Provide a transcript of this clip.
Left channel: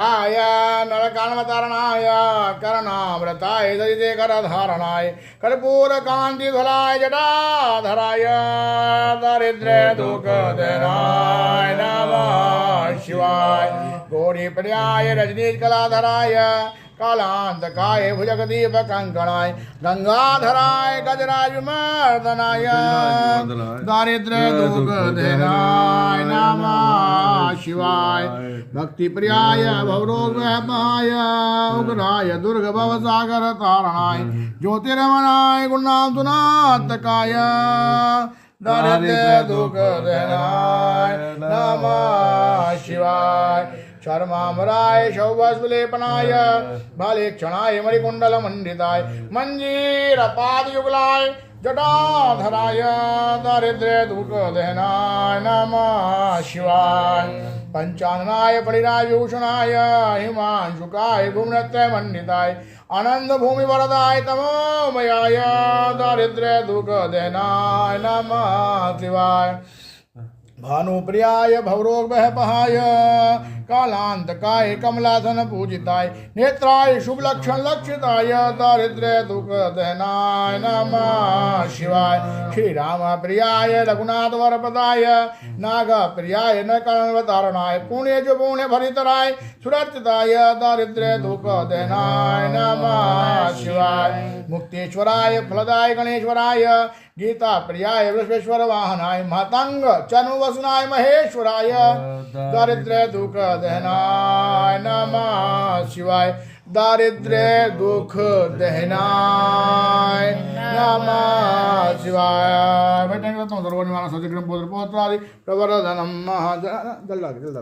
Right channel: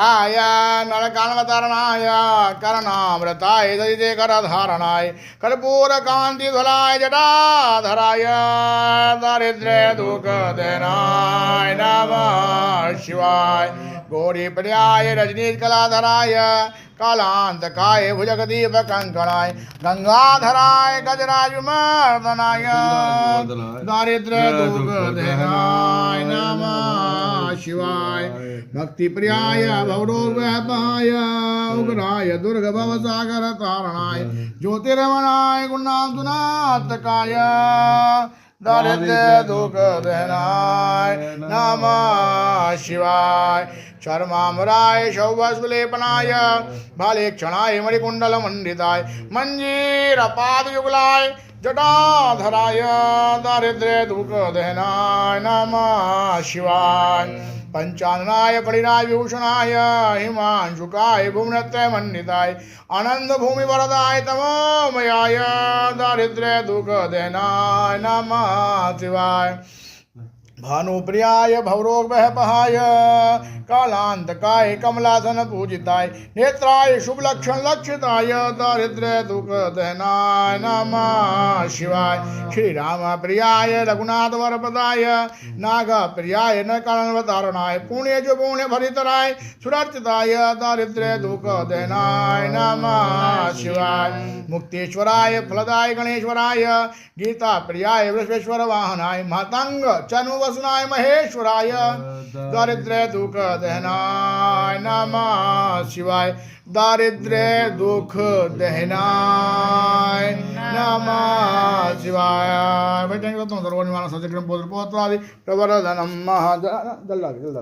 आय नरकान्वतरणाय करणामृताय ददिते करधारणाय कर्पूरकान्तिध्वलाय जटाधराय दारिद्र्य दुःखदनाय नमः शिवाय गौरीप्रियाय रजनीकलाधराय कालांतकाय भुजगदीप कंकणाय गंगाधराय गजराज विमर्दनाय दारिद्र्य दुःखदनाय नमः शिवाय भक्तिप्रियाय भवरोगव्यापाय उग्राय दुर्गभवसागर तारणाय ज्योतिरमणाय गुणांतुनात्तकाय दारिद्र्य दुःखदनाय नमः शिवाय शर्मामुराय शौवस्वलेपनाय भालेक्षणाय मणिकुण्डलमण्डिताय मञ्जीरपादयुगलाय जटाधराय दारिद्र्य दुःखदनाय नमः शिवाय पंचाननाय परिराजभूषणाय हिमांशुकाय भुवनत्रयमण्डिताय आनन्दभूमिवरदाय तमोमयाय दारिद्र्य दुःखदनाय नमः शिवाय भानुप्रियाय भवरोगभयपहाय कालांतकाय कमलासन पूजिताय नेत्राय शुभलक्षण लक्षिताय दारिद्र्य दुःखदनाय नमः शिवाय श्री राम प्रियाय रघुनाथ वरपदाय नाग प्रियाय नकान्वतारणाय पुण्य जो पुण्य भरितराय सुरक्षिताय दारिद्र्य दुःखदनाय नमः शिवाय मुक्तेश्वराय फलदाय गणेश्वराय गीता प्रियाय वृषेश्वर वाहनाय महतंग चनुवसनाय महेश्वराय दारिद्र्य दुःखदनाय नमः शिवाय दारिद्र्य दुःखदनाय नमः शिवाय। बैठेंगे तो सर्वनिर्वाण सत्यक्रम प्रवर्धनम जल्द